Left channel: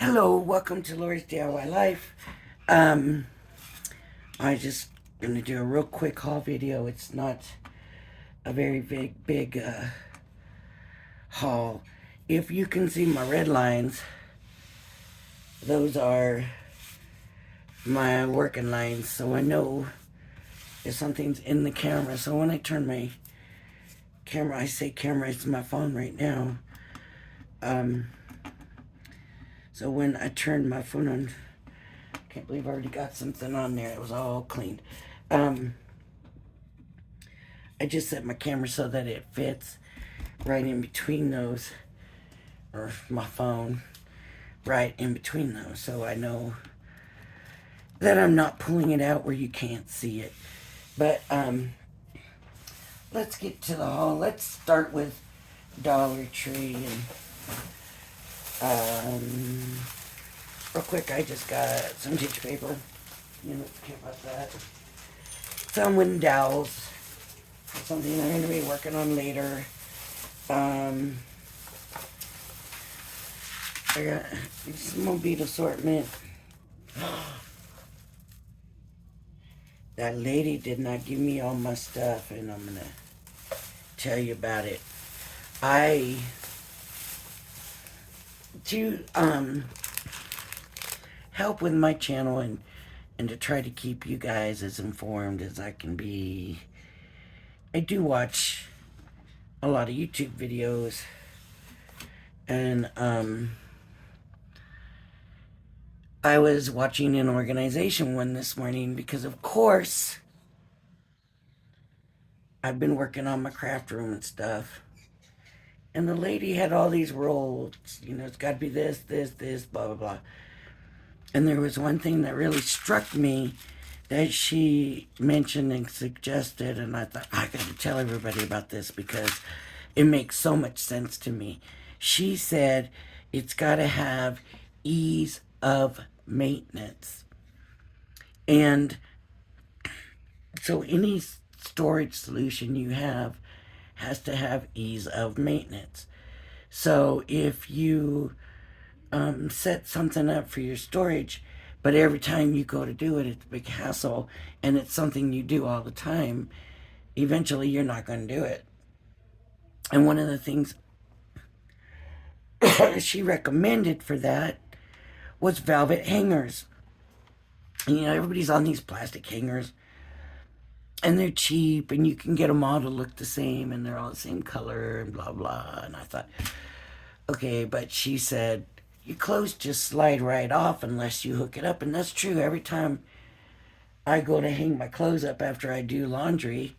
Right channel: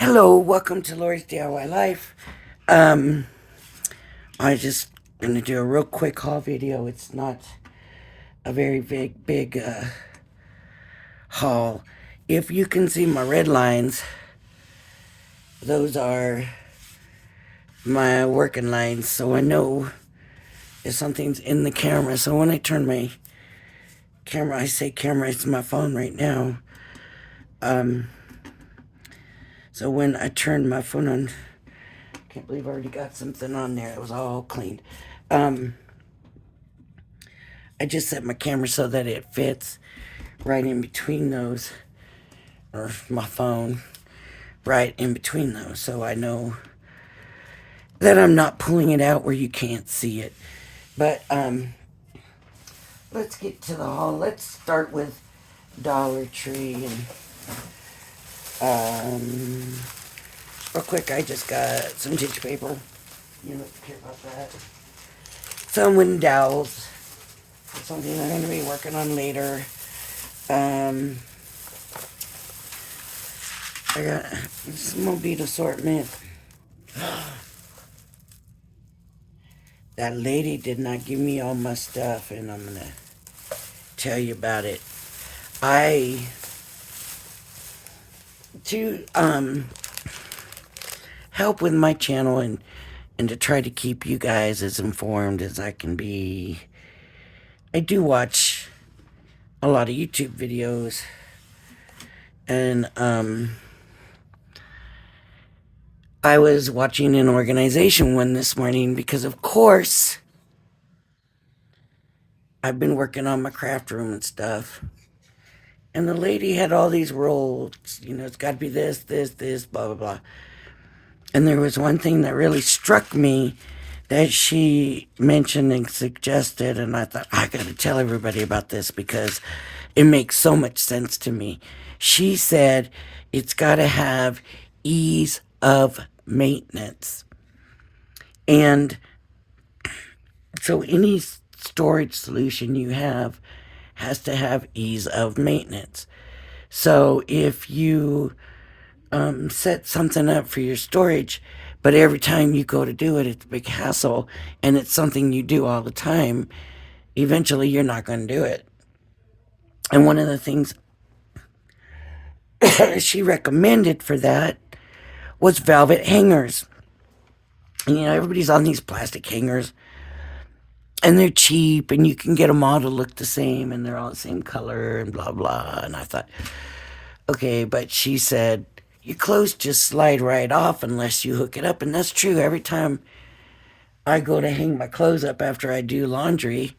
Hello, welcome to Lori's DIY Life. Um, I just gonna do a real quick haul video. It's not a very big haul. If you can see my red lines, those are my working lines, so I know if something's in the camera. So when I turn my camera, I say camera, it's my phone right now. Um, so when I turn my phone on, I can't believe I already got something on there. It was all cleaned. Um, I just set my camera so that it fits right in between those, or my phone right in between those, so I know that I'm not pulling it out where you can't see it. But let's get to the haul. Let's start with Dollar Tree. And real quick, I just got some tissue paper. You don't care about that. Some wind dowels. Something I'm going to be working on later. Um, I got some Mobile assortment. That lady did not give me all my stuff, and I'm gonna tell you about it. I to help with my channel and to try to keep you guys as informed as I can be. I do watch a lot of YouTube videos, and I was watching an organization one this morning because, of course, I've been working on my craft room and stuff. And the lady had all these rules, it's got to be this, blah, blah, blah. And there was one thing that really struck me that she mentioned and suggested, and I thought, I got to tell everybody about this because it makes so much sense to me. She said it's got to have ease of maintenance. And so any storage solution you have has to have ease of maintenance. So if you set something up for your storage, but every time you go to do it, it's a big hassle, and it's something you do all the time, eventually you're not going to do it. And one of the things she recommended for that was velvet hangers. And, everybody's on these plastic hangers, and they're cheap, and you can get them all to look the same, and they're all the same color, and blah, blah. And I thought, okay, but she said, your clothes just slide right off unless you hook it up. And that's true. Every time I go to hang my clothes up after I do laundry,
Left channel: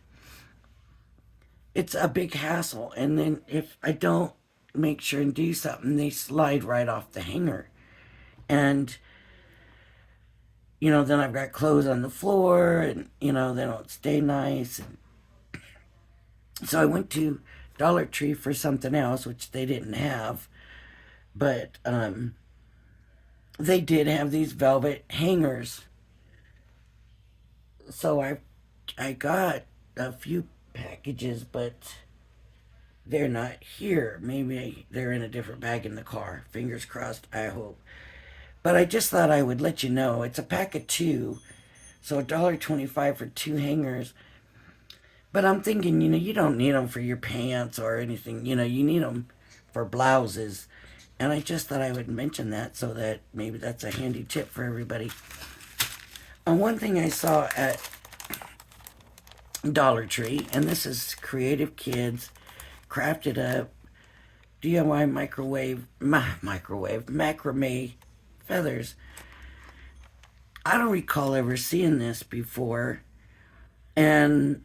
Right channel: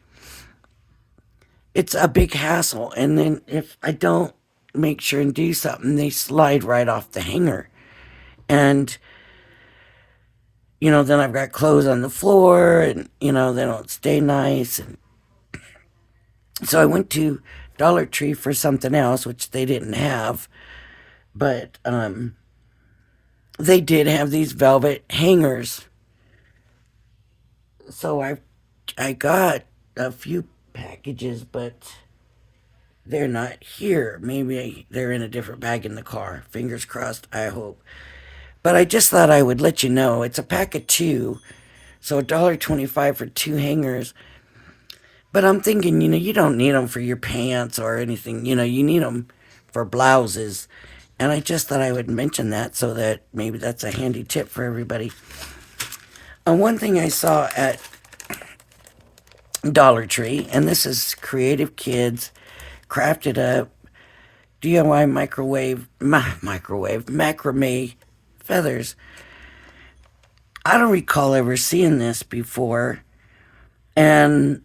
it's a big hassle. And then if I don't make sure and do something, they slide right off the hanger. And, then I've got clothes on the floor and, they don't stay nice. And so I went to Dollar Tree for something else, which they didn't have. But they did have these velvet hangers. So I got a few packages, but they're not here. Maybe they're in a different bag in the car. Fingers crossed, I hope. But I just thought I would let you know. It's a pack of two, so $1.25 for two hangers. But I'm thinking, you don't need them for your pants or anything. You need them for blouses. And I just thought I would mention that so that maybe that's a handy tip for everybody. One thing I saw at Dollar Tree, and this is Creative Kids Crafted Up DIY macrame feathers. I don't recall ever seeing this before, and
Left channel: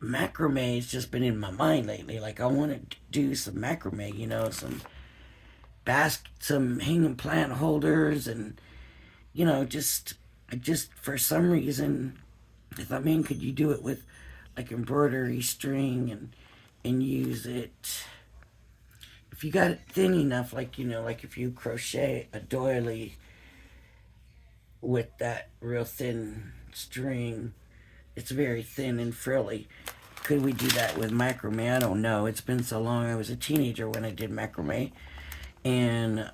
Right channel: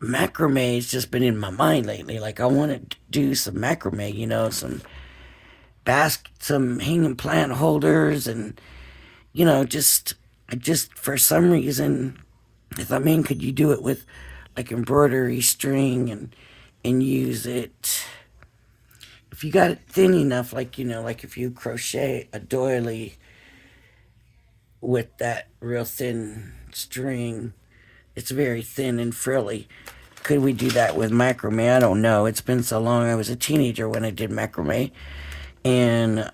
macrame has just been in my mind lately. Like, I want to do some macrame, some hanging plant holders, and I just for some reason I thought, man, could you do it with like embroidery string and use it if you got it thin enough, like if you crochet a doily with that real thin string, it's very thin and frilly. Could we do that with macrame? I don't know. It's been so long. I was a teenager when I did macrame, and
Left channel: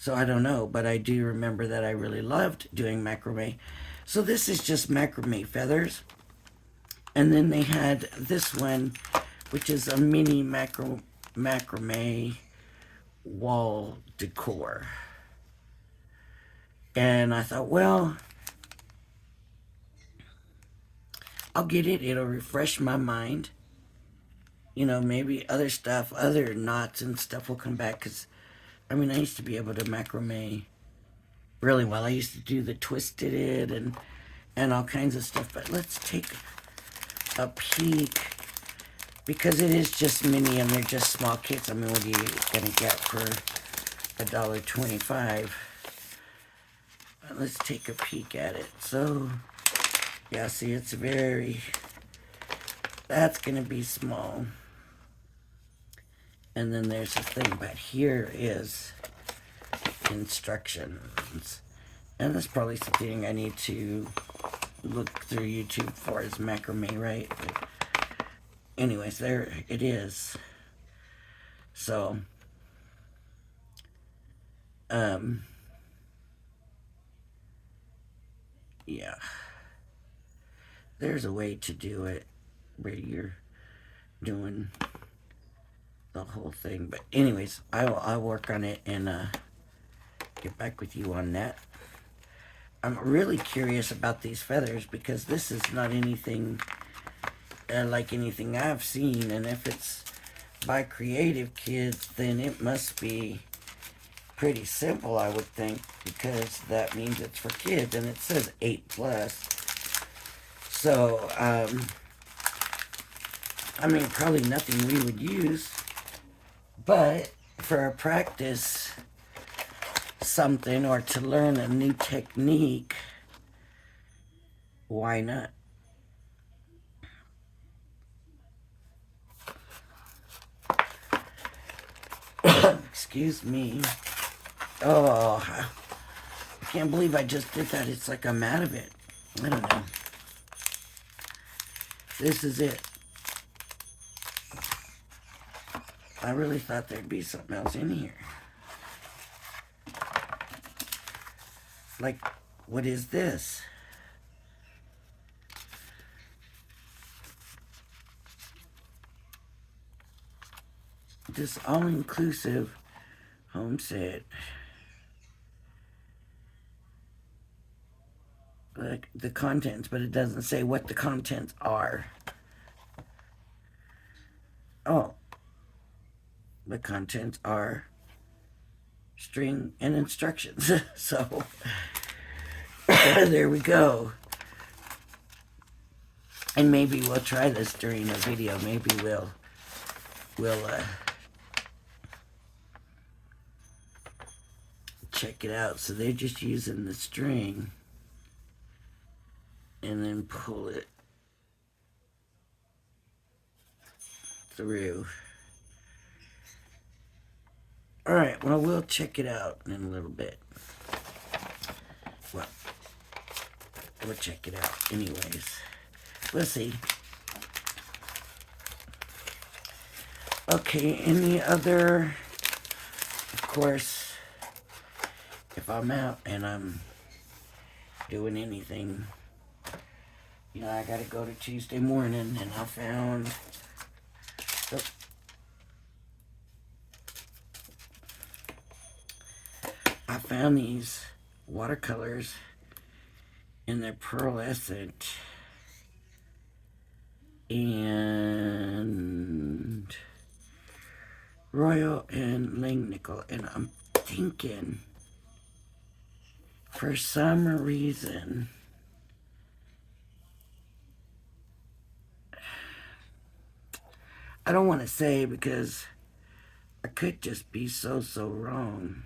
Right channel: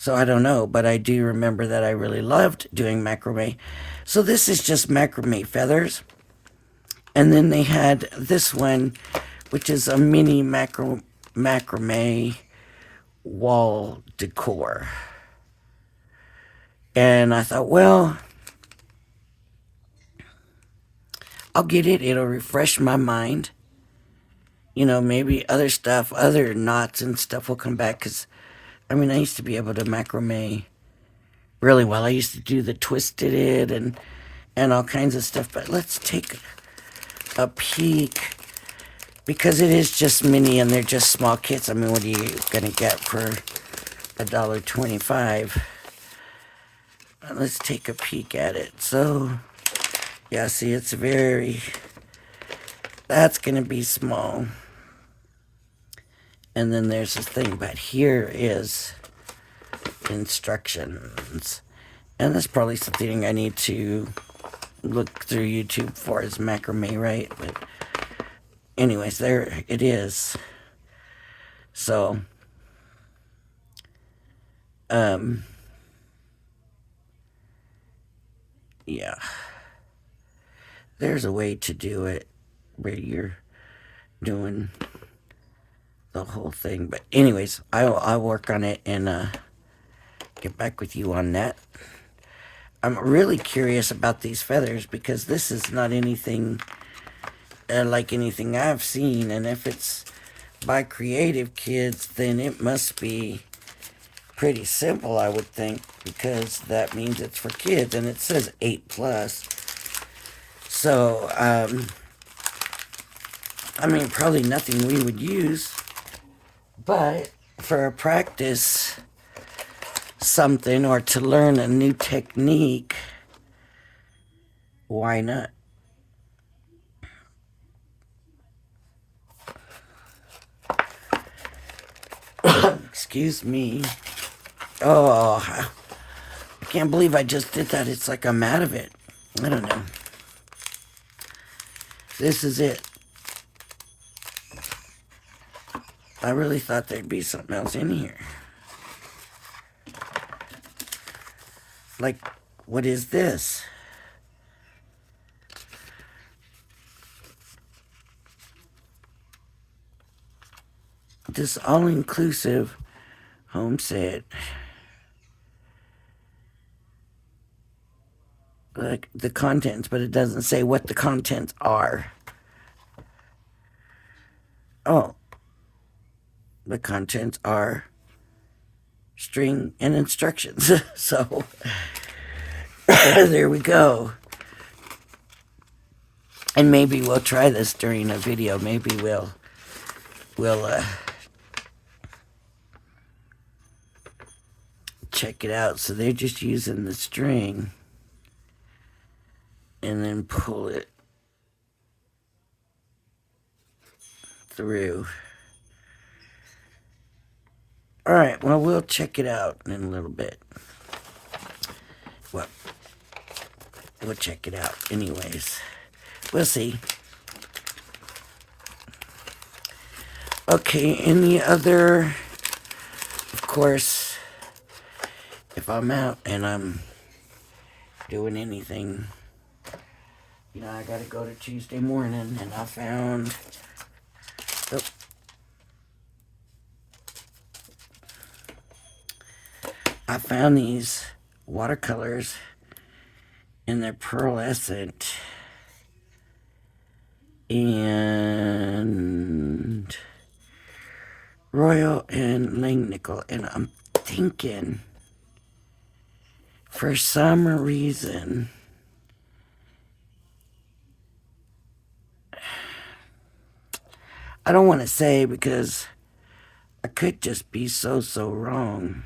So I don't know, but I do remember that I really loved doing macrame. So this is just macrame feathers. And then they had this one, which is a mini macrame wall decor. And I thought, well, I'll get it. It'll refresh my mind. You know, maybe other stuff, other knots and stuff will come back. Because, I mean, I used to be able to macrame really well. I used to do the twisted it and all kinds of stuff. But let's take a peek, because it is just mini and they're just small kits. I mean, what are you gonna get for $1.25? Let's take a peek at it. So yeah, see, it's that's gonna be small. And then there's this thing, but here is instructions. And that's probably something I need to look through YouTube for, is macrame, right? But anyways, there it is. So, yeah. There's a way to do it where you're doing the whole thing. But anyways, I'll work on it and get back with you on that. I'm really curious about these feathers, because this is not anything like anything I've seen. And if it's by creative kids, then it must be pretty simple, I would think, because that means it's for kids, and it says 8+. So, I mean, probably nothing we would use, but for a practice something or to learn a new technique, why not? Excuse me. Oh, I can't believe I just did that. It's like I'm out of it. I don't know. This is it. I really thought there'd be something else in here. Like, what is this? This all-inclusive home set. Like the contents, but it doesn't say what the contents are. Oh, the contents are string and instructions. So there we go. And maybe we'll try this during a video. Maybe we'll check it out. So they're just using the string and then pull it through. All right, well, we'll check it out in a little bit. Well, we'll check it out anyways. We'll see. Okay, any other, of course, if I'm out and I'm doing anything, you know, I gotta go to Tuesday morning, and I found, these watercolors, and they're pearlescent and royal and langnickel, and I'm thinking, for some reason, I don't want to say, because I could just be so wrong.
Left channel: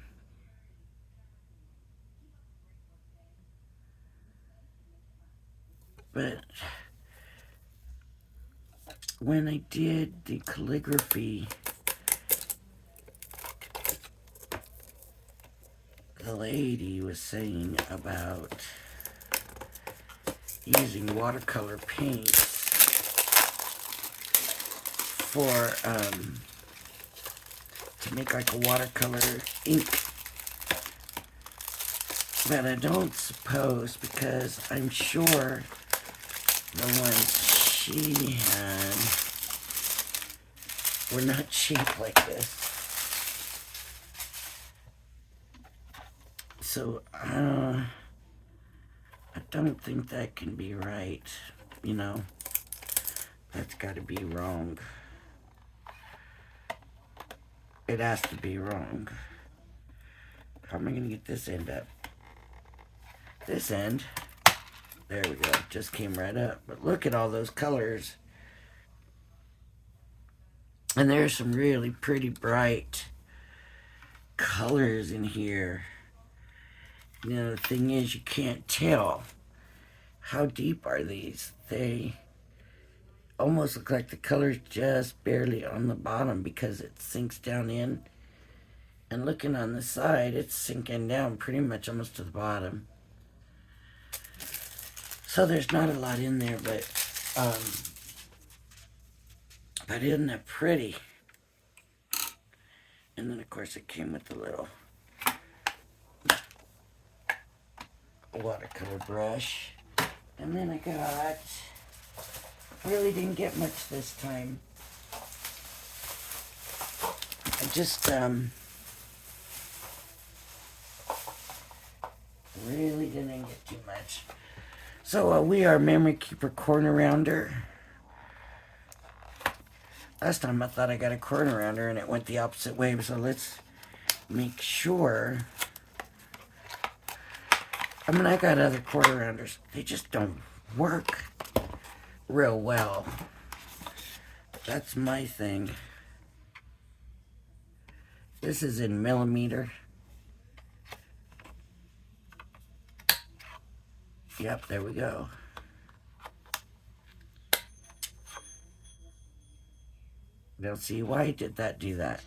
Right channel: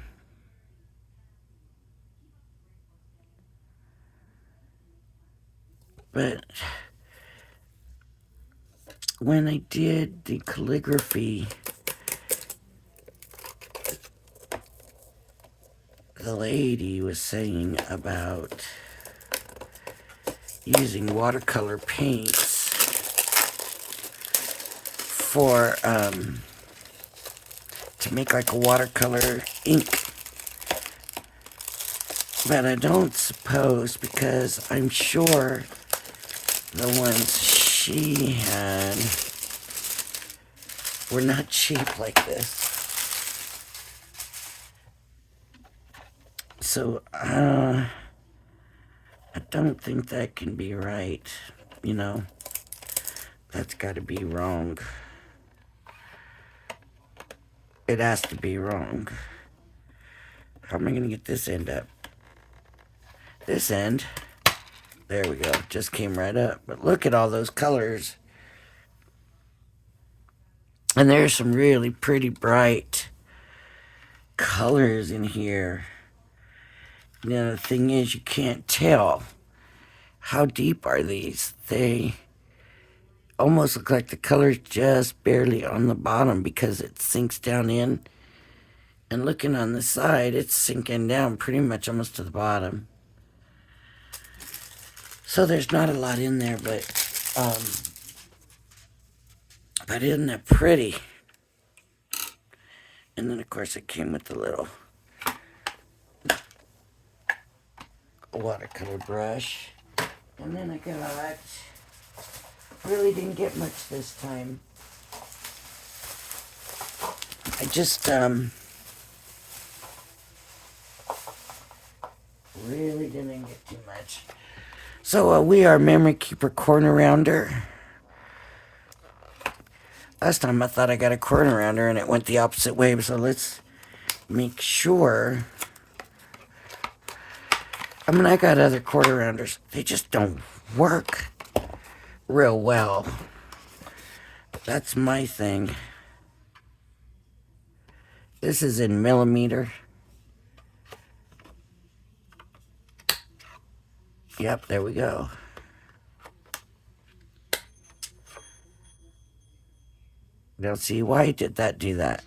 But when I did the calligraphy, the lady was saying about using watercolor paints to make like a watercolor ink. But I don't suppose, because I'm sure the ones she had were not cheap like this. So, I don't think that can be right. You know, that's got to be wrong. It has to be wrong. How am I going to get this end up? This end. There we go. Just came right up. But look at all those colors. And there's some really pretty bright colors in here. You know, the thing is, you can't tell. How deep are these? They almost look like the color's just barely on the bottom because it sinks down in. And looking on the side, it's sinking down pretty much almost to the bottom. So there's not a lot in there, but isn't that pretty? And then, of course, it came with the little watercolor brush. And then I got, really didn't get much this time. I just, really didn't get too much. So we are Memory Keeper Corner Rounder. Last time I thought I got a corner rounder and it went the opposite way, so let's make sure. I mean, I got other quarter rounders. They just don't work real well. That's my thing. This is in millimeter. Yep, there we go. Now see, why did that do that?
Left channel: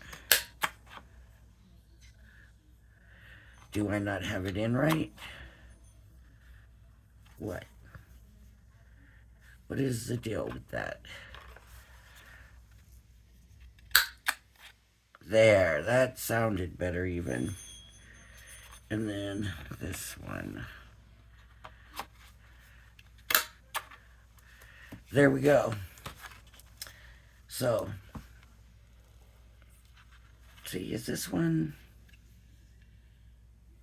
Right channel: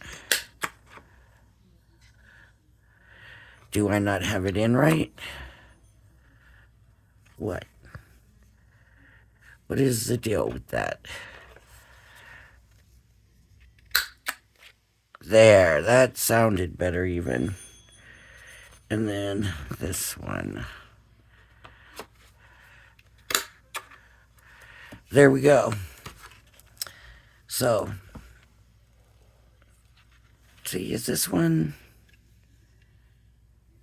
Do I not have it in right? What? What is the deal with that? There, that sounded better even. And then this one. There we go. So, see, is this one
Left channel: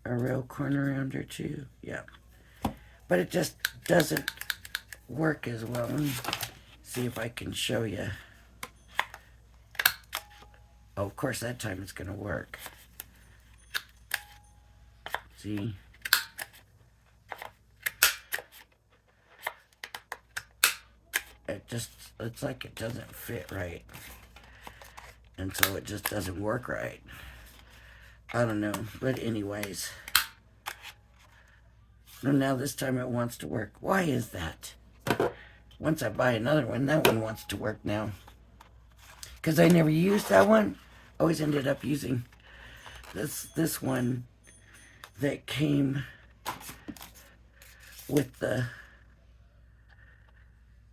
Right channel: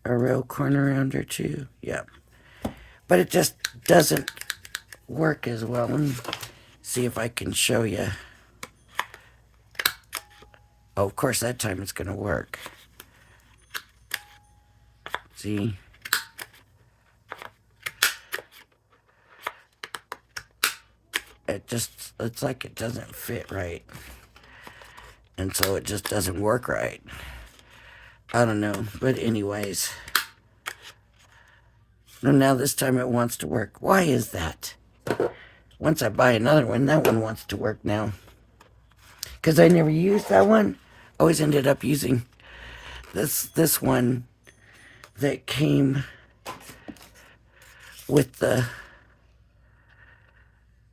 a real corner rounder too? Yep. But it just doesn't work as well. Let me see if I can show you. Oh, of course, that time it's going to work. See? It's like it doesn't fit right. And so it just doesn't work right. I don't know. But anyways. Now this time it wants to work. Why is that? Once I buy another one, that one wants to work now. Because I never used that one. Always ended up using this one that came with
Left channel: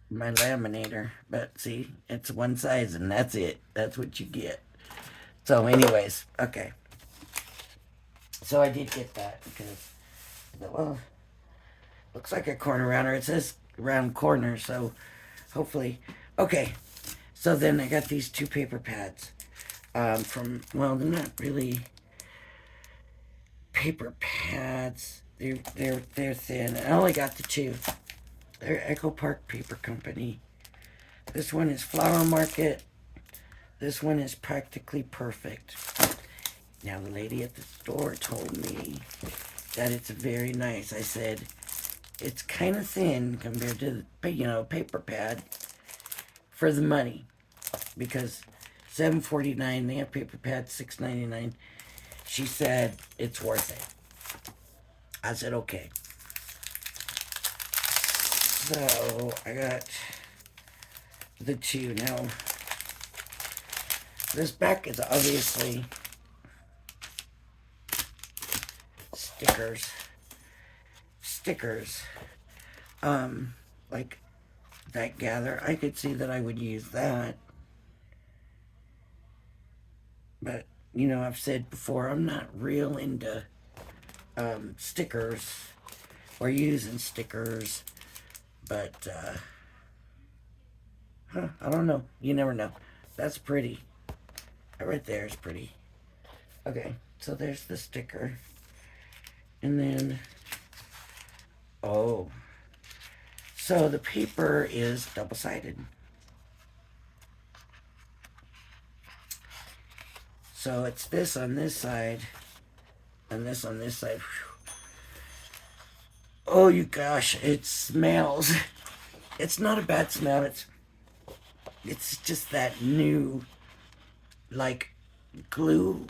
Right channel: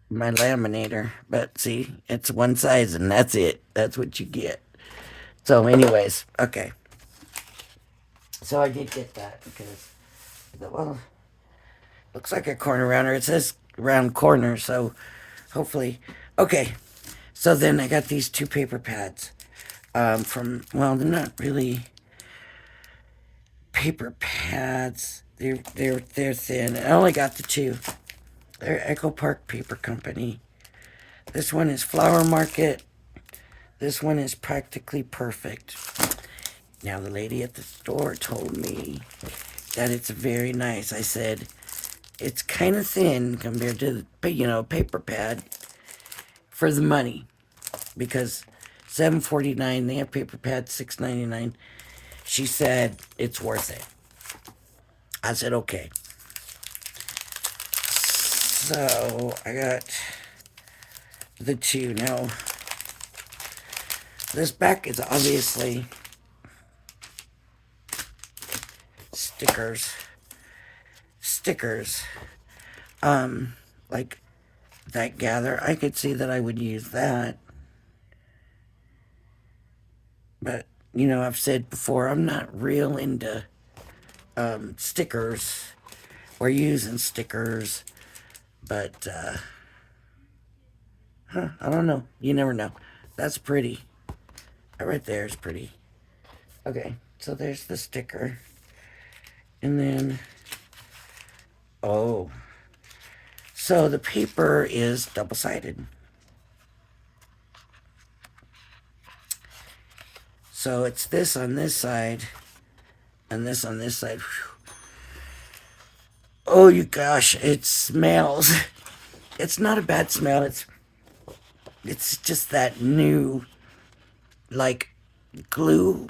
my laminator. But see, it's one size and that's it. That's what you get. So anyways, okay. So I did get that because, well, looks like a corner rounder. It says round corner, so hopefully. Okay, so then I got these two paper pads from, well, they're not really paper pads. They're thin. I only got the two. They're Echo Park Paper Company. This one is Flower Market. This one is Practically Perfect. Now, the lady at the store told me that it's very nice. I said, it's kind of thin compared to, paper pad for the money. Because $7.49, they have paper pads $6.99. She said, it's worth it. I said, okay. So, I got the two. Now, this back is obviously stickers. Like that gather. I could see that I would use that. But, I've said before, I'm not real into stickers. We're using stickers, but I don't know. You never know. That's pretty. That right there is pretty. Okay, so there's the sticker. And then, oh, so the paper is double-sided. So it's this on this side and this on this side. Oh, you gosh, it smells. It's not a bad smell. It's just that new, like, glue.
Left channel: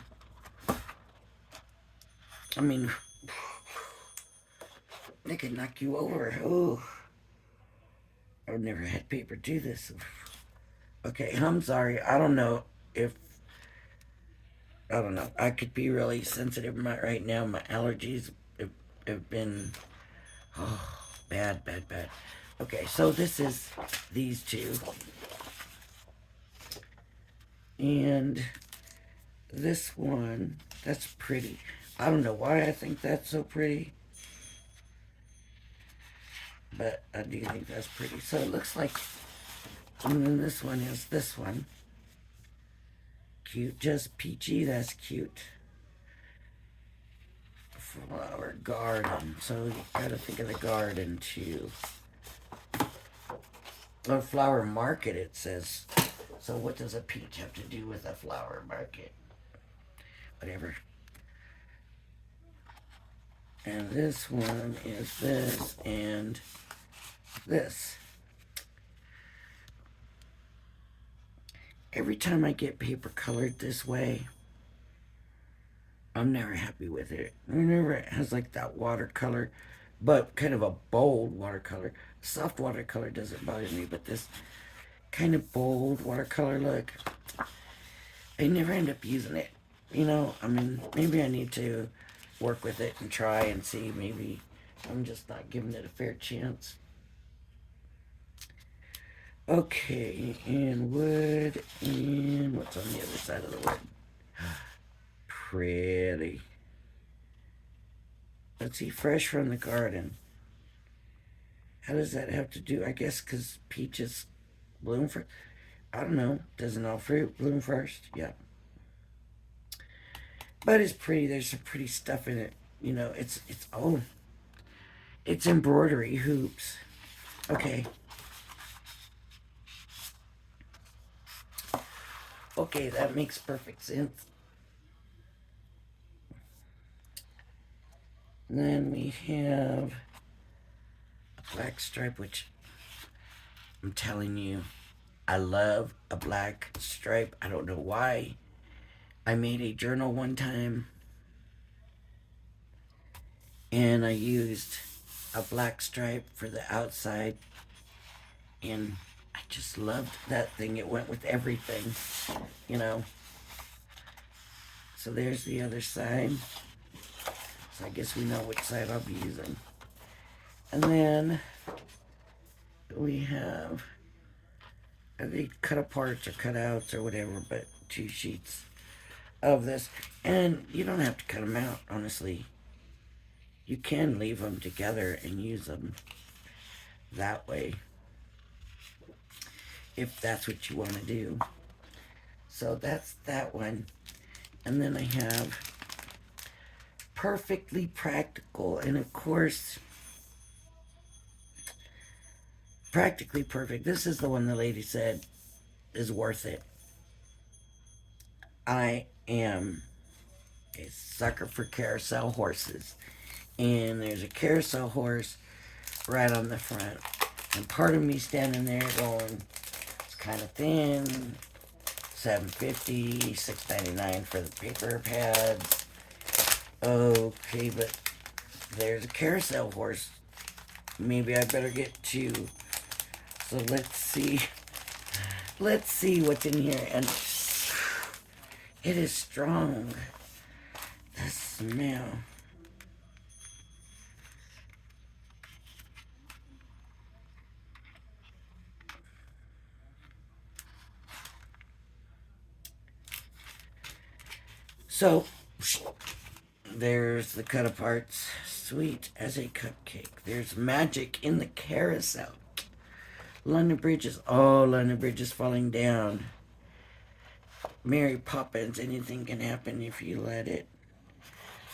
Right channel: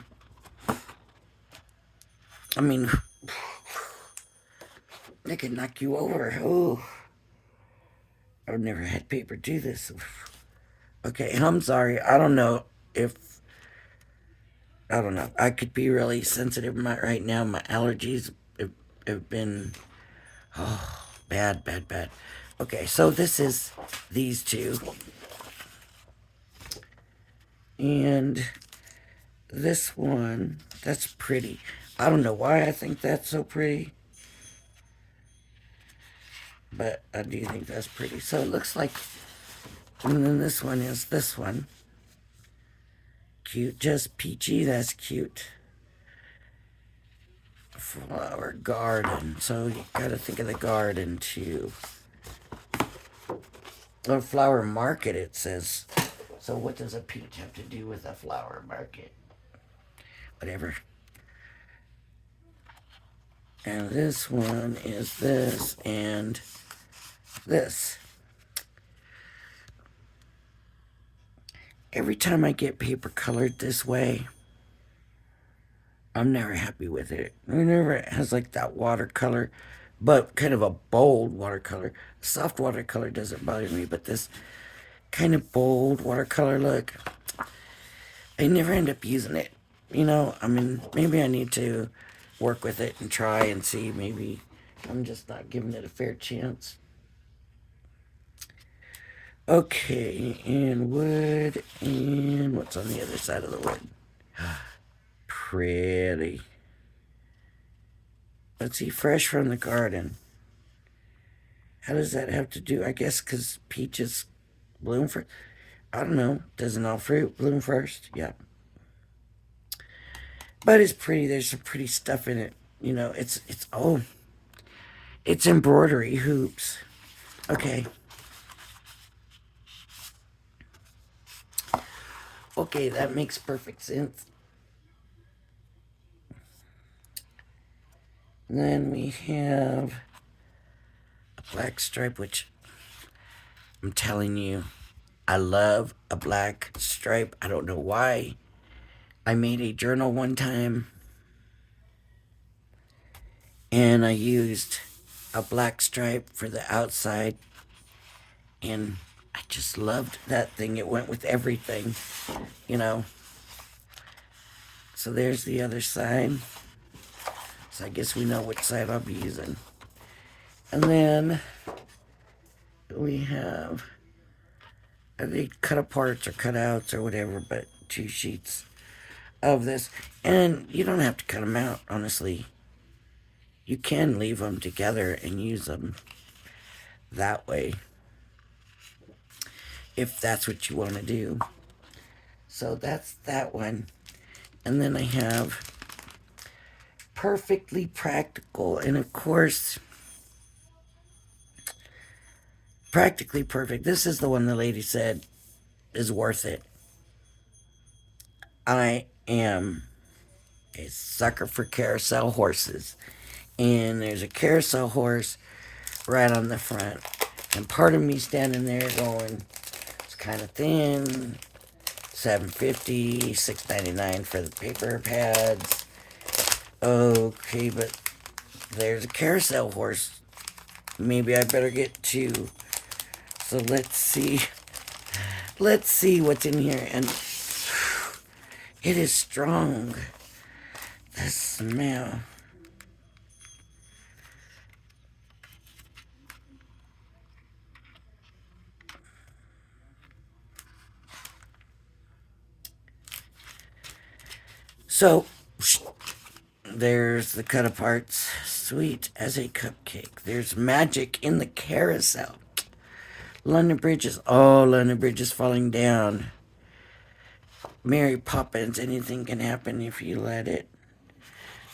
I mean, it could knock you over. Oh, I've never had paper do this. Okay, I'm sorry. I don't know if I don't know. I could be really sensitive right now. My allergies have been bad, bad, bad. Okay, so this is these two. And this one, that's pretty. I don't know why I think that's so pretty, but I do think that's pretty. So it looks like, and then this one is this one. Cute, just peachy, that's cute. Flower garden. So you gotta think of the garden too. Or flower market, it says. So what does a peach have to do with a flower market? Whatever. And this one is this and this. Every time I get paper colored this way, I'm never happy with it. Whenever it has like that watercolor, but kind of a bold watercolor. Soft watercolor doesn't bother me, but this kind of bold watercolor look, I never end up using it. You know, I mean, maybe I need to work with it and try and see. Maybe I'm just not giving it a fair chance. Okay, and wood, and what's on the other side of the wood? Pretty. Let's see, fresh from the garden. How does that have to do? I guess because peaches bloom first. I don't know. Doesn't all fruit bloom first? Yeah. But it's pretty. There's some pretty stuff in it. You know, it's embroidery hoops. Okay. Okay, that makes perfect sense. And then we have a black stripe, which I'm telling you, I love a black stripe. I don't know why. I made a journal one time and I used a black stripe for the outside, and I just loved that thing. It went with everything, you know. So there's the other side. So I guess we know which side I'll be using. And then we have, they cut aparts or cutouts or whatever, but 2 sheets of this. And you don't have to cut them out, honestly. You can leave them together and use them that way if that's what you want to do. So that's that one. And then I have perfectly practical, and of course, practically perfect. This is the one the lady said is worth it. I am a sucker for carousel horses, and there's a carousel horse right on the front, and part of me standing there going, it's kind of thin. $7.50, $6.99 for the paper pads. Okay, but there's a carousel horse. Maybe I better get two. So let's see. Let's see what's in here. And it is strong. The smell. So There's the cut aparts. Sweet as a cupcake. There's magic in the carousel. London Bridge is, oh, London Bridge is falling down. Mary Poppins, anything can happen if you let it.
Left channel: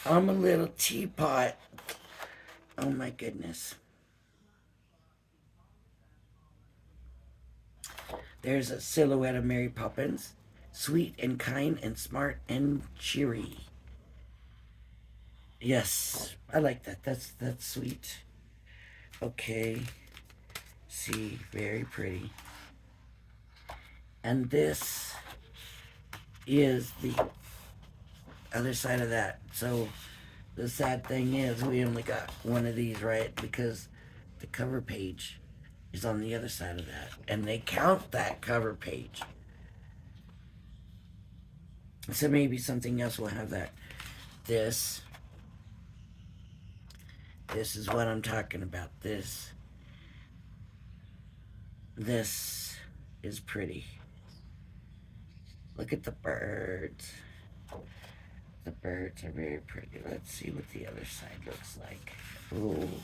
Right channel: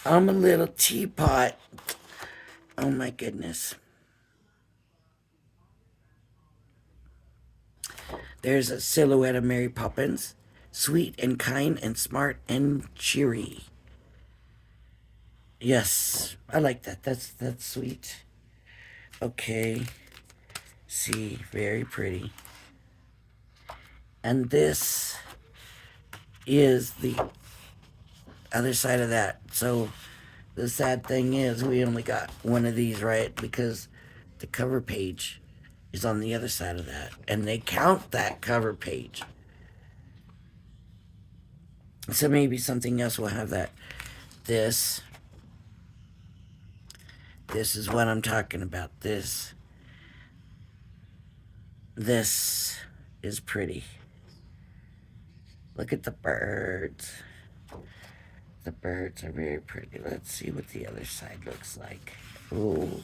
I'm a little teapot. Oh my goodness. There's a silhouette of Mary Poppins. Sweet and kind and smart and cheery. Yes, I like that. That's sweet. Okay. See, very pretty. And this is the other side of that. So the sad thing is we only got one of these, right? Because the cover page is on the other side of that. And they count that cover page. So maybe something else will have that. This is what I'm talking about. This is pretty. Look at the birds. The birds are very pretty. Let's see what the other side looks like. Ooh.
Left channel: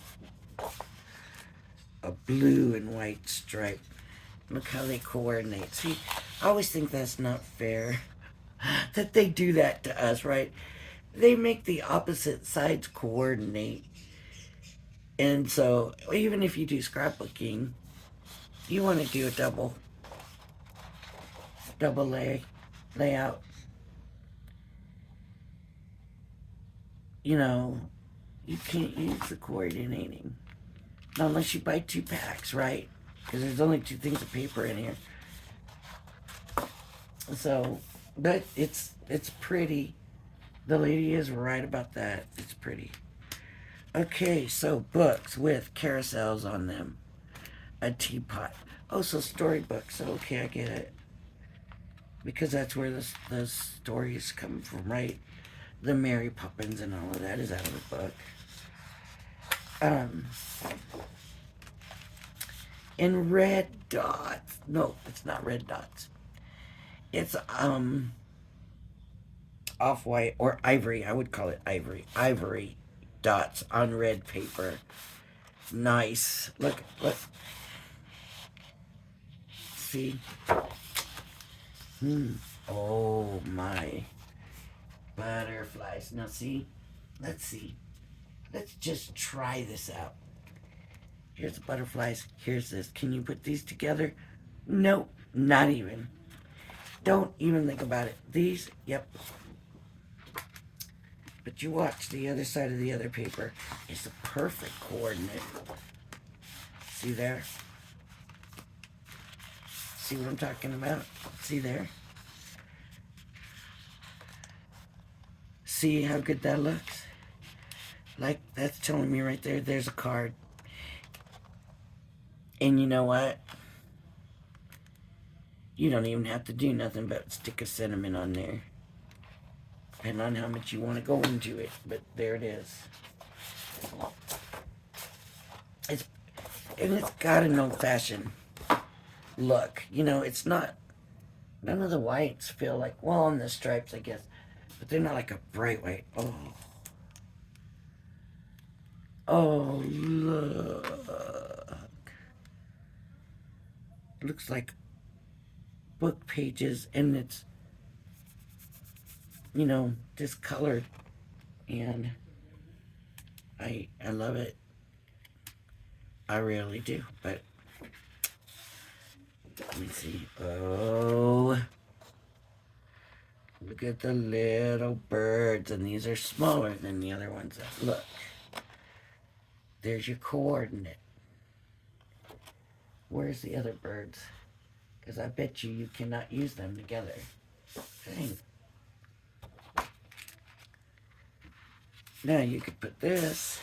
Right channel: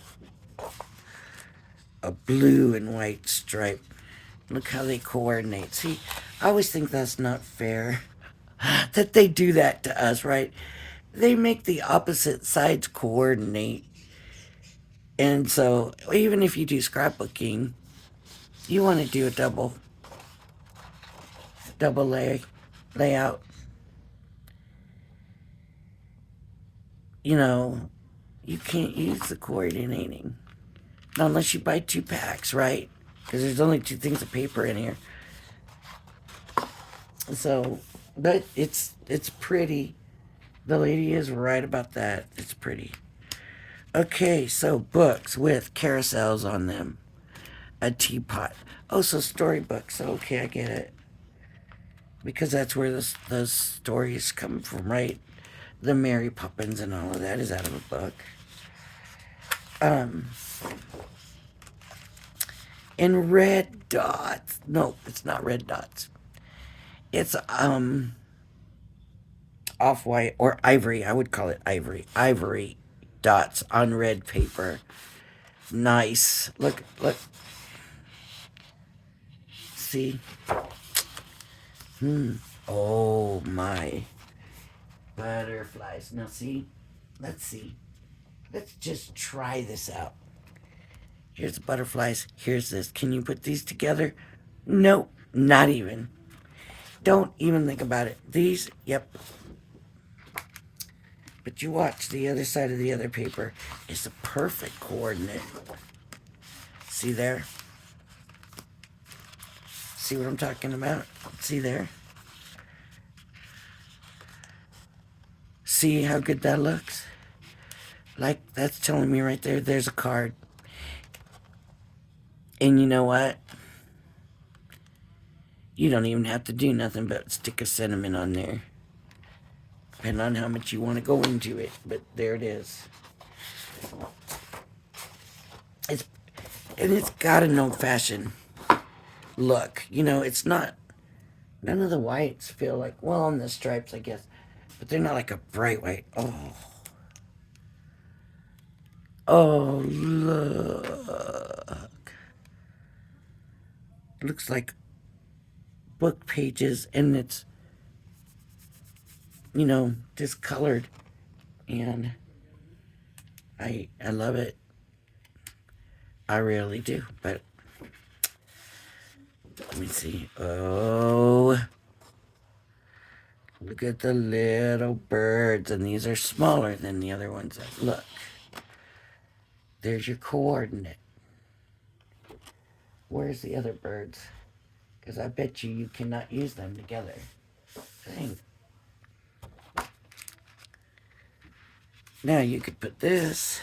A blue and white stripe. Look how they coordinate. See, I always think that's not fair that they do that to us, right? They make the opposite sides coordinate. And so, even if you do scrapbooking, you want to do a double layout. You know, you can't use the coordinating. Not unless you buy 2 packs, right? Because there's only 2 things of paper in here. So, but it's pretty. The lady is right about that. It's pretty. Okay, so books with carousels on them. A teapot. Oh, so storybooks. Okay, I get it. Because that's where those stories come from, right? The Mary Poppins and all of that is out of a book. In red dots. No, it's not red dots. It's off-white or ivory. I would call it ivory. Ivory dots on red paper. Nice. Look. See? Oh my. Butterflies. Now see? Let's see. Let's just try this out. Here's the butterflies. Here's this. Can you put these together? Nope. Not even. Don't even think about it. These, yep. But you watch, the other side of the other paper is the perfect coordinate. See there? See what I'm talking about? See there? See how good that looks? Like, that's telling me right there, there's a card. And you know what? You don't even have to do nothing but stick a sentiment on there. Depending on how much you want to go into it. But there it is. It's got an old-fashioned look. You know, it's not... None of the whites feel like... Well, on the stripes, I guess. But they're not like a bright white. Oh. Oh, look. It looks like book pages, and it's, you know, discolored. And I love it. I really do. But let me see. Oh, look at the little birds, and these are smaller than the other ones. Look, there's your coordinate. Where's the other birds? Because I bet you cannot use them together. Dang. Now you could put this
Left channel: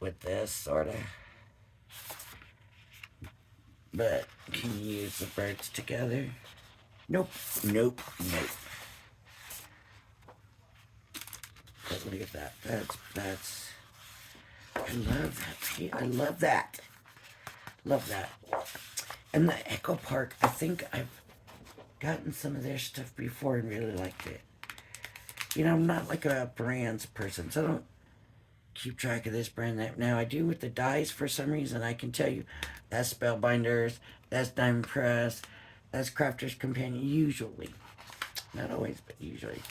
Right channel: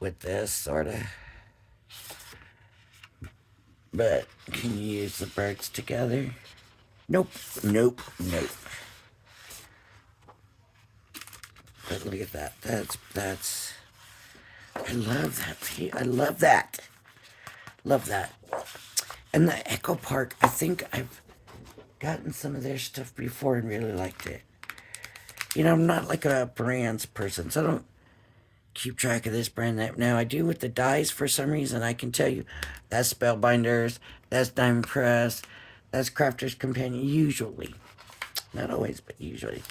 with this, sort of. But can you use the birds together? Nope. Nope. Nope. But look at that. That's. I love that. I love that. Love that. And the Echo Park, I think I've gotten some of their stuff before and really liked it. I'm not like a brands person, so I don't keep track of this brand that. Now I do with the dies for some reason. I can tell you that's Spellbinders, that's Diamond Press, that's Crafter's Companion. Usually, not always, but usually.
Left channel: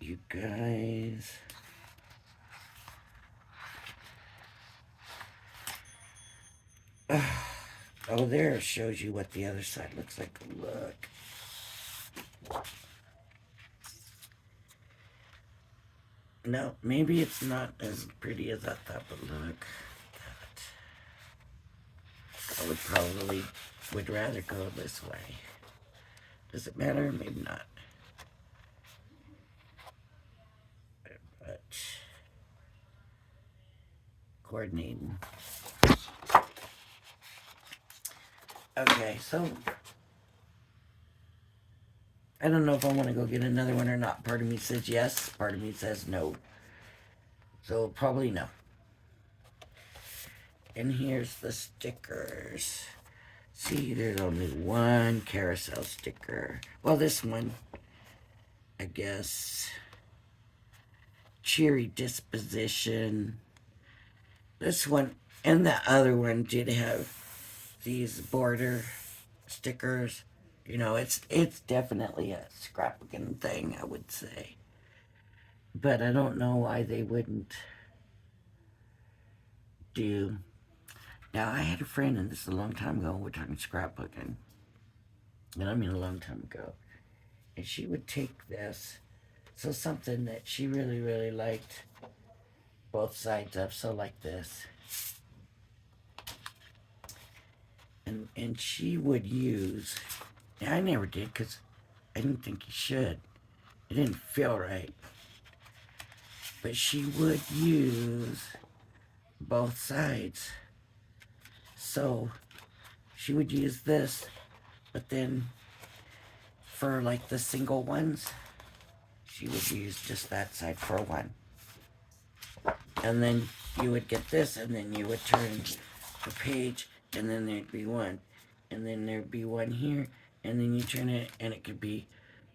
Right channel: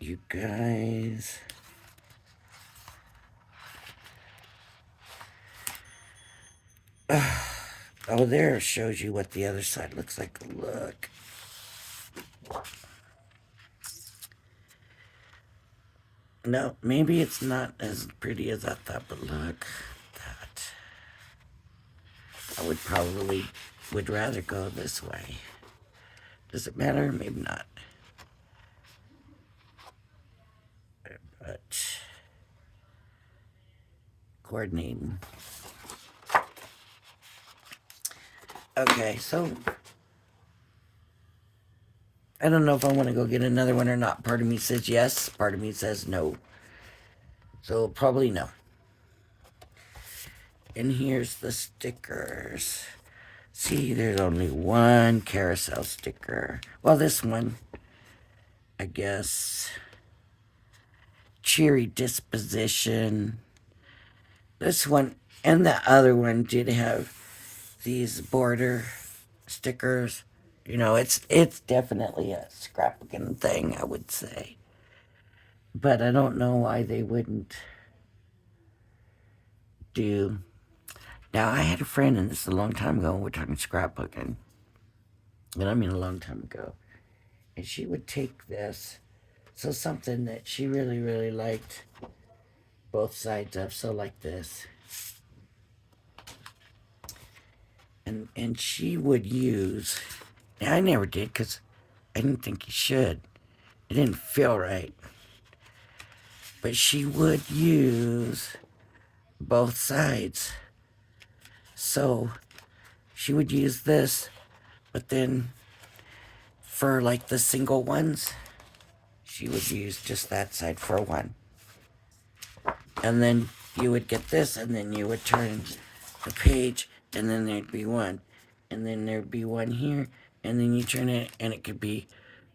You guys. Oh, there shows you what the other side looks like. Look. No, maybe it's not as pretty as I thought, but look at that. I would rather go this way. Does it matter? Maybe not. But coordinating. Okay, so I don't know if I want to go get another one or not. Part of me says yes, part of me says no. So probably no. And here's the stickers. See, there's only one carousel sticker. Well, this one, I guess. Cheery disposition. This one and the other one did have these border stickers. It's definitely a scrapbooking thing, I would say. But I don't know why they wouldn't do. Now, I had a friend, and this is a long time ago, and we're talking scrapbooking. And I mean a long time ago. And she would take this, so something that she really, really liked both sides of, so like this. And she would use, I never did because I didn't think you should. It didn't feel right. But she would use both sides. So she would use this, but then for like the single ones, she would use just that side for one. And then you would get this, and then you would turn the page, and then there'd be one. And then there'd be one here, and then you turn it, and it could be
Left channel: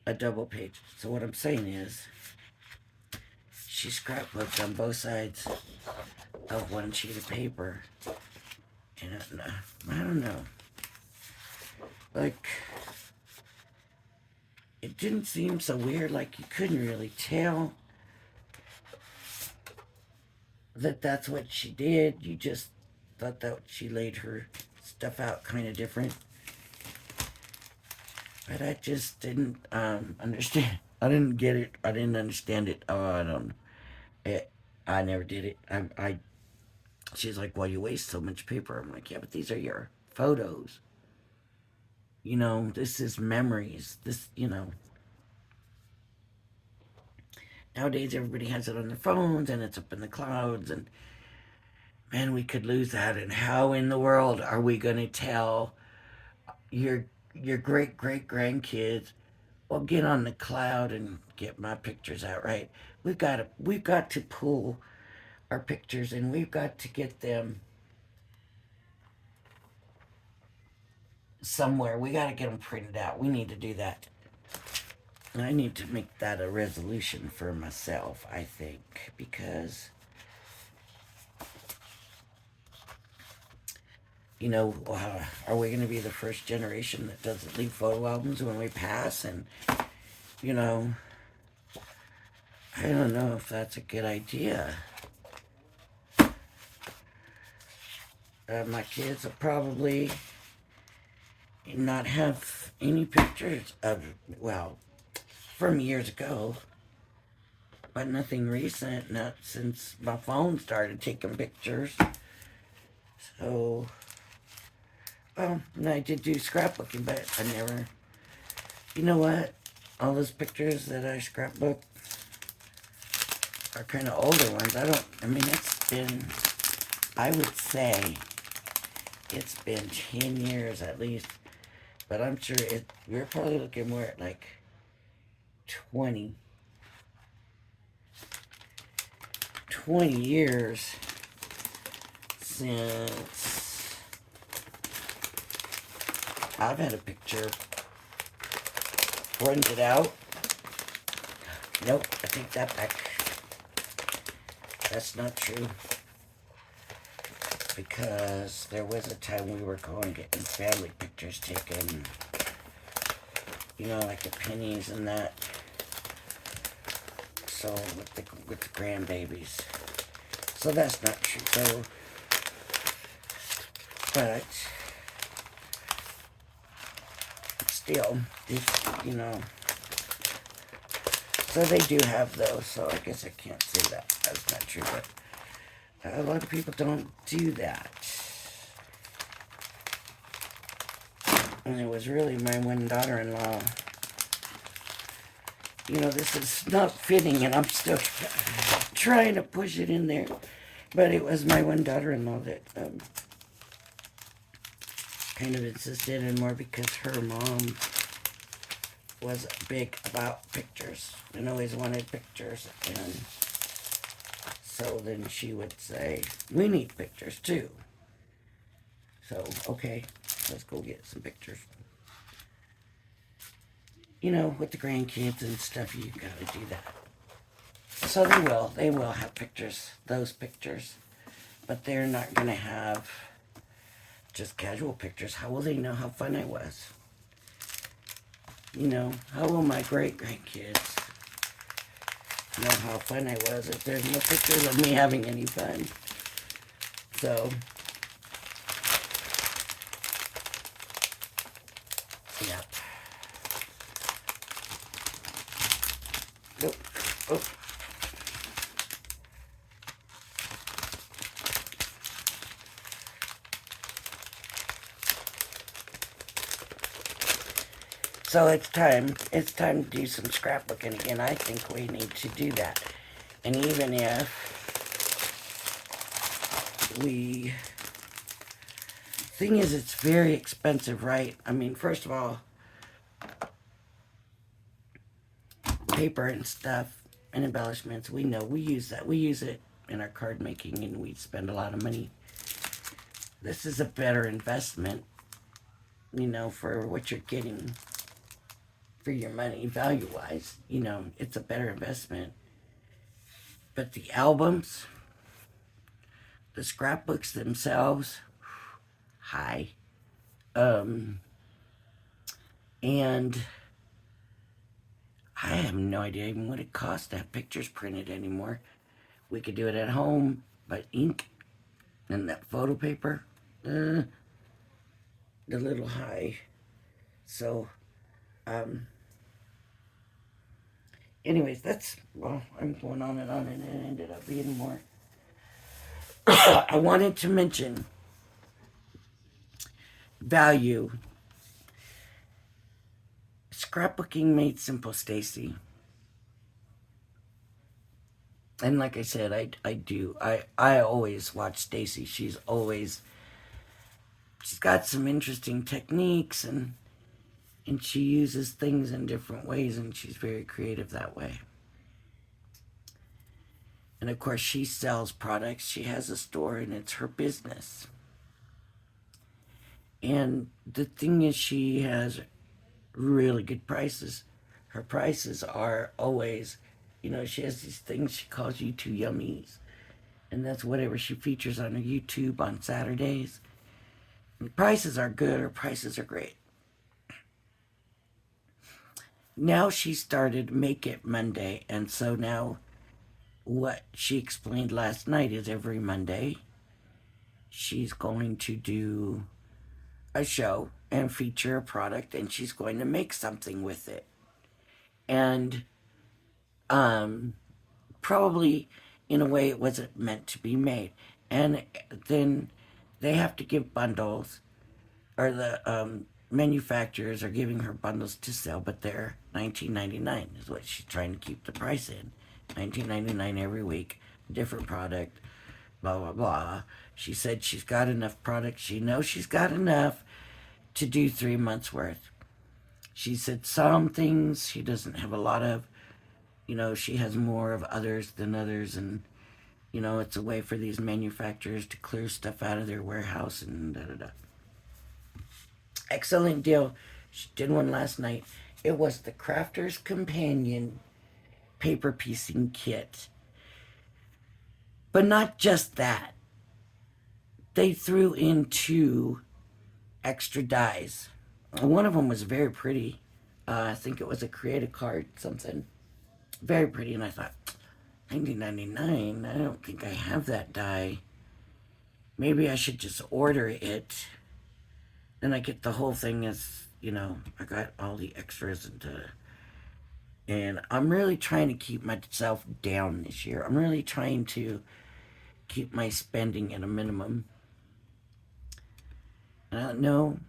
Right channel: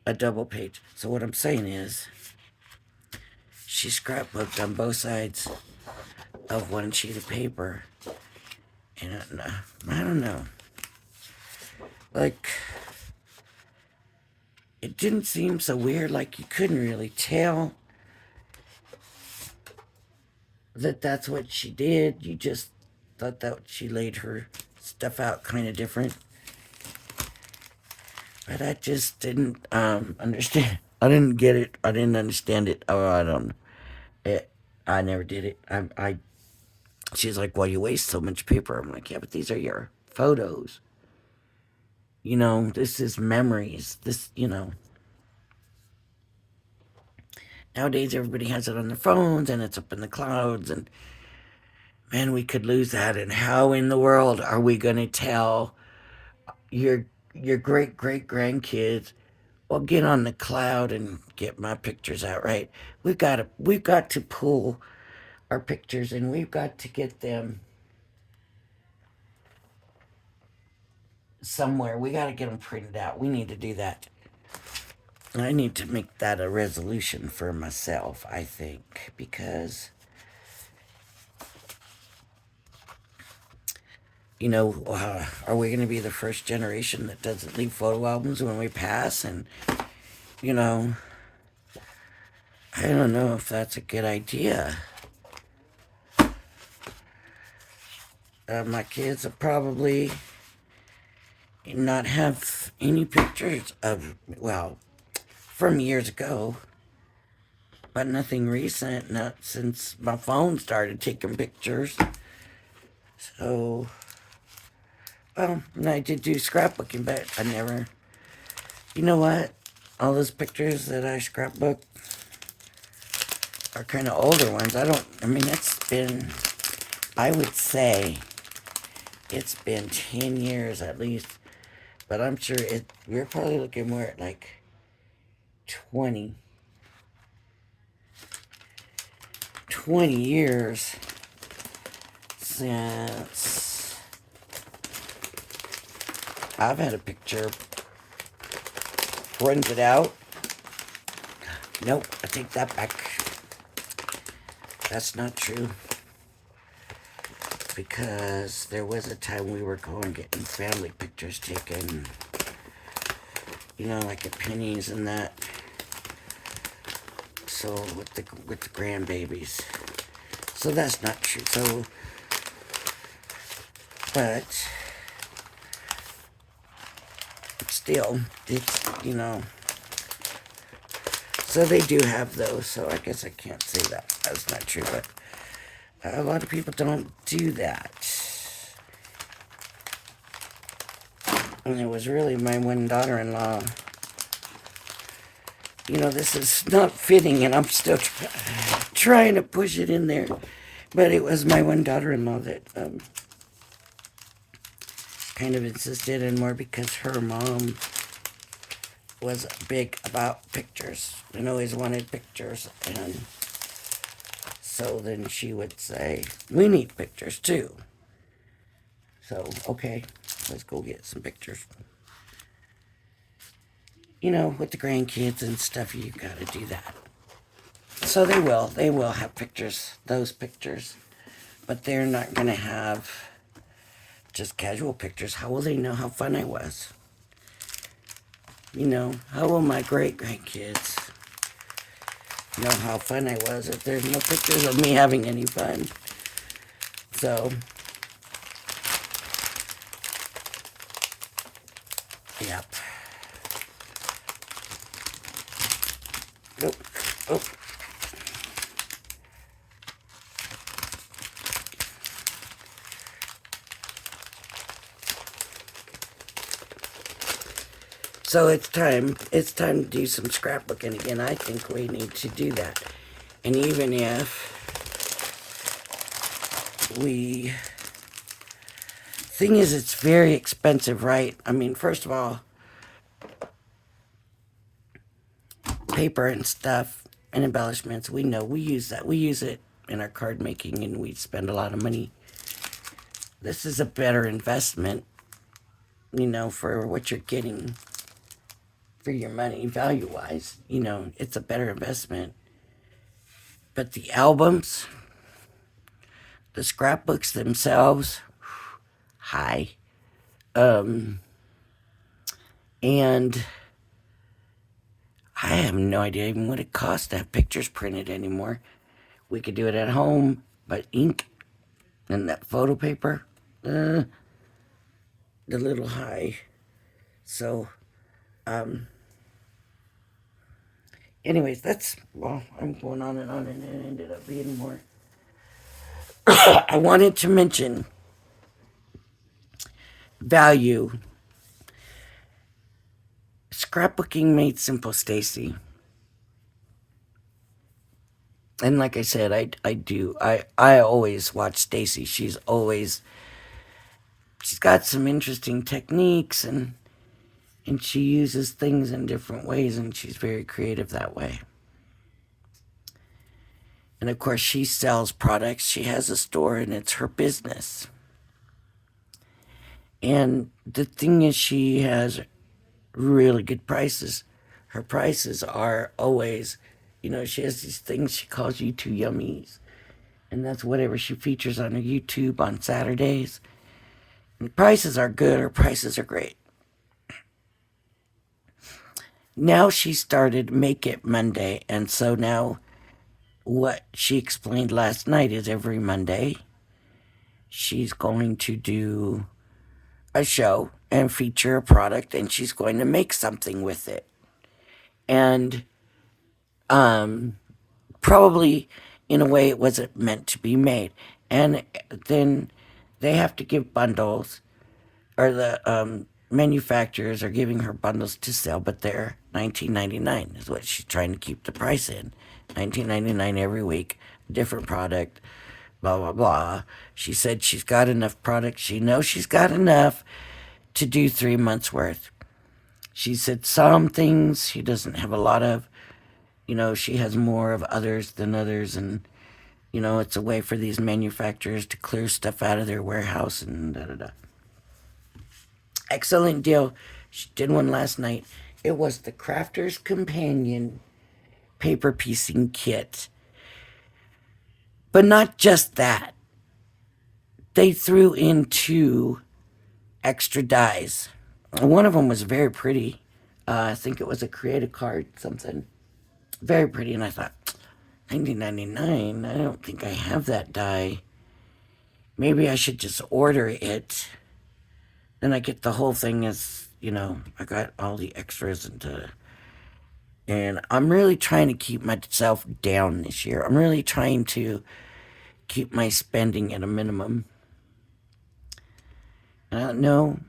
a double page. So what I'm saying is, she scrapbooked on both sides of one sheet of paper. And I don't know. Like, it didn't seem so weird, like you couldn't really tell that that's what she did. You just thought that she laid her stuff out kind of different. But I just didn't understand. I didn't get it. I didn't understand it. Oh, I don't know. I never did it. She's like, well, you waste so much paper. I'm like, yeah, but these are your photos. This is memories. Nowadays everybody has it on their phones and it's up in the clouds, and man, we could lose that. And how in the world are we going to tell your great grandkids, well, get on the cloud and get my pictures out, right? We've got to pull our pictures, and we've got to get them somewhere. We got to get them printed out. We need to do that. I need to make that a resolution for myself, I think, because are we going to be the first generation that doesn't leave photo albums when we pass? And I don't know if that's a good idea. My kids will probably not have any pictures of, well, from years ago, but nothing recent, not since my phone started taking pictures. So, well, and I did do scrapbooking, but I never, you know what? All those pictures that I scrapbooked are kind of older ones. I would say, it's been 10 years at least, but I'm sure we're probably looking more at like 20 years since I've had a picture printed out. Nope, I take that back. That's not true. Because there was a time we were going getting family pictures taken, like at Penny's and that. So with the grandbabies. So that's not true. So, but still, it's. So they do have those. So I guess I can't say that that's not true. But a lot of people don't do that. And it was really my one daughter-in-law. This is not fitting, and I'm still trying to push it in there. But it was my one daughter-in-law that kind of insisted, and more because her mom was big about pictures and always wanted pictures. And so then she would say, we need pictures too. So, okay, let's go get some pictures. With the grandkids and stuff, you gotta do that. So they will have pictures, those pictures. But they're not gonna have just casual pictures. How will they know how fun I was? How will my great-grandkids know how fun I was if there's no pictures of me having any fun? So, yep. Nope. Oh. So it's time to do some scrapbooking again. I think we need to do that. And even if thing is, it's very expensive, right? I mean, first of all, paper and stuff and embellishments, we know we use that. We use it in our card making, and we spend a lot of money. This is a better investment, for what you're getting for your money, value-wise. It's a better investment. But the albums, the scrapbooks themselves, hi. And I have no idea even what it costs to have pictures printed anymore. We could do it at home, but ink and that photo paper, a little high. So, anyways, I'm going on, and it ended up being more. I wanted to mention value. Scrapbooking made simple, Stacy. And like I said, I always watch Stacy. She's got some interesting techniques, and she uses things in different ways, and she's very creative that way. And of course, she sells products. She has a store, and it's her business. And the thing is, she has really good prices. Her prices are always, she has these things she calls YouTube yummies. And that's whatever she features on her YouTube on Saturdays. And the prices are good. Her prices are great. Now she started Make It Monday. And so now what she explained last night is every Monday she's going to do a show and feature a product, and she's going to make something with it. And probably in a way it wasn't meant to be made. And then they have to give bundles, or the manufacturers are giving her bundles to sell, but they're $19.99 is what she's trying to keep the price in. $19.99 every week, different product, blah blah blah. She said she's got enough product. She knows she's got enough to do 3 months worth. She said some things she doesn't have a lot of. She has more of others than others, and it's a way for these manufacturers to clear stuff out of their warehouse and da da da. Excellent deal. She did one last night. It was the Crafter's Companion paper piecing kit. But not just that. They threw in 2 extra dies. One of them was very pretty. I think it was a creative card, something. Very pretty. And I thought, 1999, I don't think I have that die. Maybe I should just order it. Then I get the whole thing as, I got all the extras and I'm really trying to keep myself down this year. I'm really trying to keep my spending at a minimum. And I don't know,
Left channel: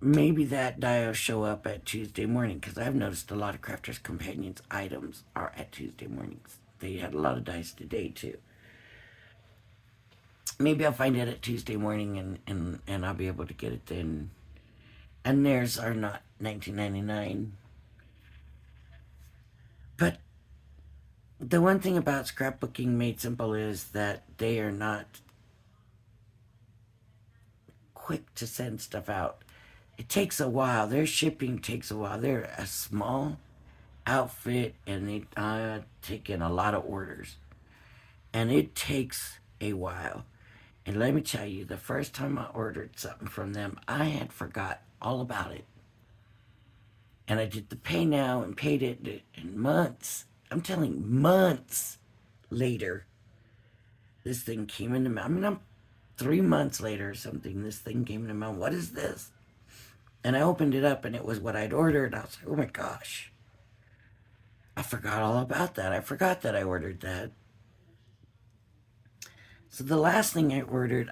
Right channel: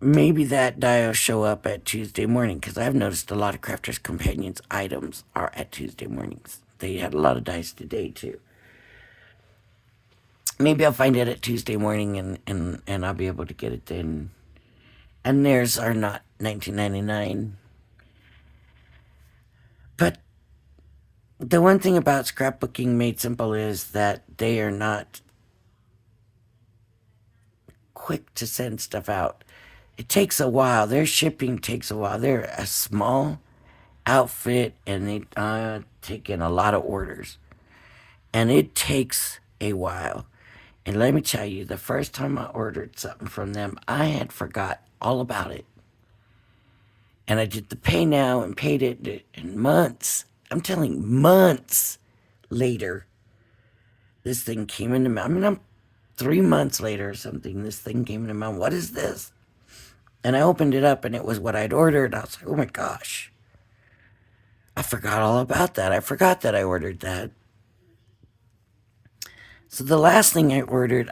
maybe that die will show up at Tuesday morning because I've noticed a lot of Crafters Companions items are at Tuesday mornings. They had a lot of dice today too. Maybe I'll find it at Tuesday morning and I'll be able to get it then. And theirs are not $19.99. But the one thing about scrapbooking made simple is that they are not quick to send stuff out. It takes a while. Their shipping takes a while. They're a small outfit and they take in a lot of orders. And it takes a while. And let me tell you, the first time I ordered something from them, I had forgot all about it. And I did the pay now and paid it in months. I'm telling you, months later, this thing came into my, I'm 3 months later or something, this thing came into my, what is this? And I opened it up and it was what I'd ordered. I was like, oh my gosh. I forgot all about that. I forgot that I ordered that. So the last thing I ordered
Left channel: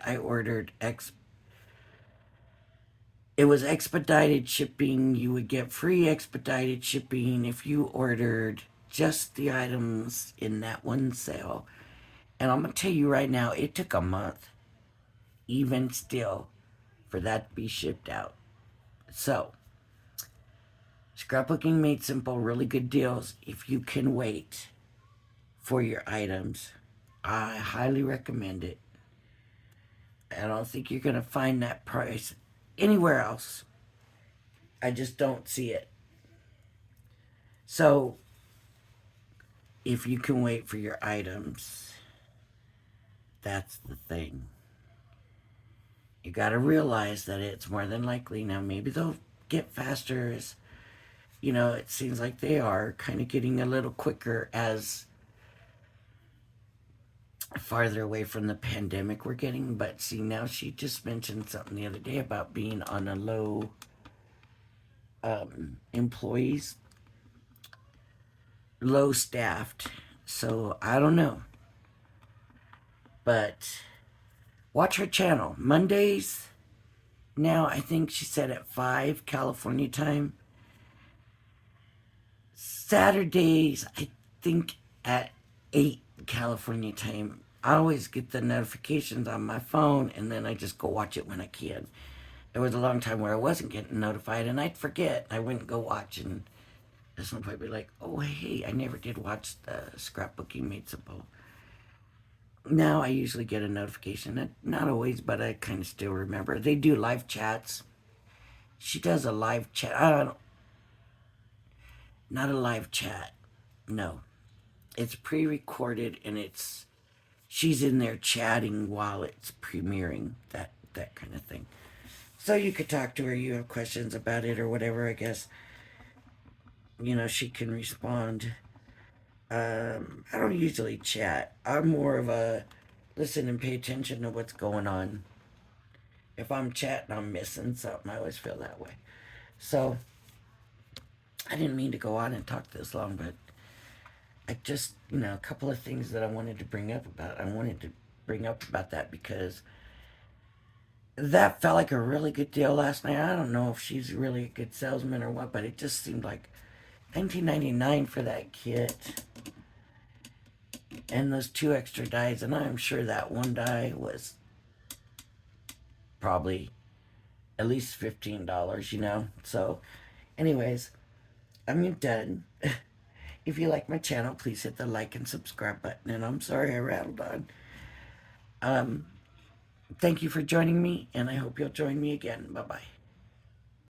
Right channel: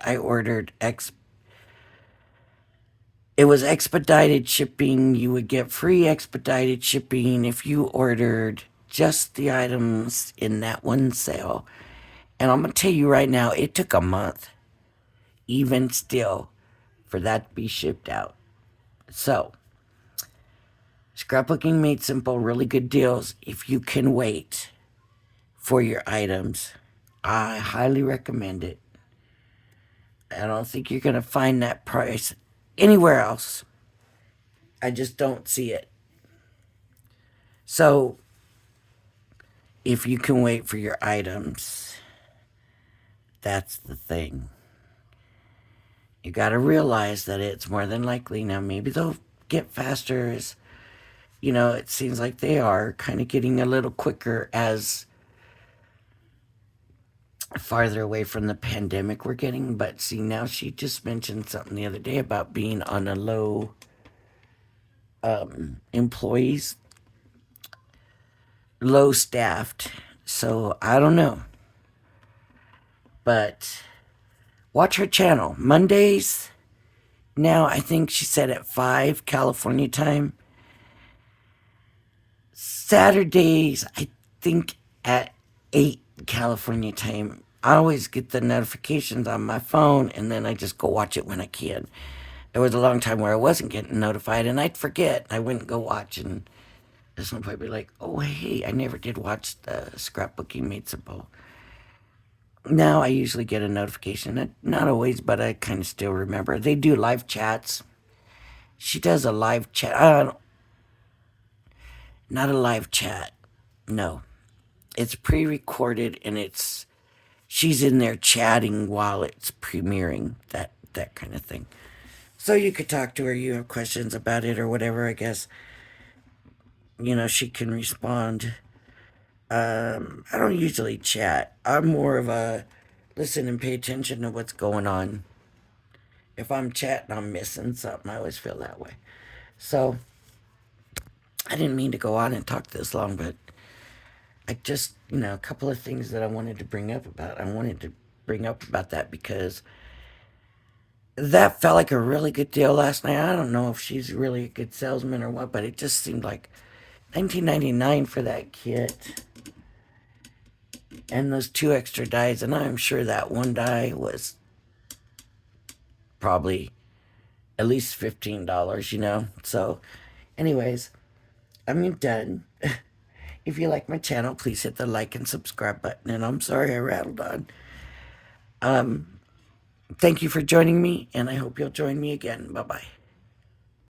it was expedited shipping. You would get free expedited shipping if you ordered just the items in that one sale. And I'm going to tell you right now, it took a month, even still, for that to be shipped out. So, scrapbooking made simple, really good deals if you can wait for your items. I highly recommend it. I don't think you're going to find that price anywhere else. I just don't see it. So, if you can wait for your items, that's the thing. You got to realize that it's more than likely. Now, maybe they'll get faster as, it seems like they are kind of getting a little quicker as farther away from the pandemic we're getting. But see, now she just mentioned something the other day about being on a low employees, low staffed. So I don't know. But watch her channel. Mondays, now I think she said at 5 California time. Saturdays, I think at 8 California time. I always get the notifications on my phone and then I just go watch it when I can. There was a long time where I wasn't getting notified and I'd forget. I wouldn't go watch and somebody would be like, oh, hey, I never did watch the Scrapbooking Made Simple. Now I usually get a notification. Not always, but I kind of still remember. They do live chats. She does a live chat. Not a live chat. No. It's pre-recorded and she's in there chatting while it's premiering, that kind of thing. So you could talk to her, you have questions about it or whatever, I guess. She can respond. I don't usually chat. I'm more of a listen and pay attention to what's going on. If I'm chatting, I'm missing something. I always feel that way. So, I didn't mean to go on and talk this long, but I just, a couple of things that I wanted to bring up about. I wanted to bring up about that because that felt like a really good deal last night. I don't know if she's really a good salesman or what, but it just seemed like $19.99 for that kit. And those 2 extra dies, and I'm sure that one die was probably at least $15, So, anyways, I'm done. If you like my channel, please hit the like and subscribe button. And I'm sorry I rattled on. Thank you for joining me, and I hope you'll join me again. Bye-bye.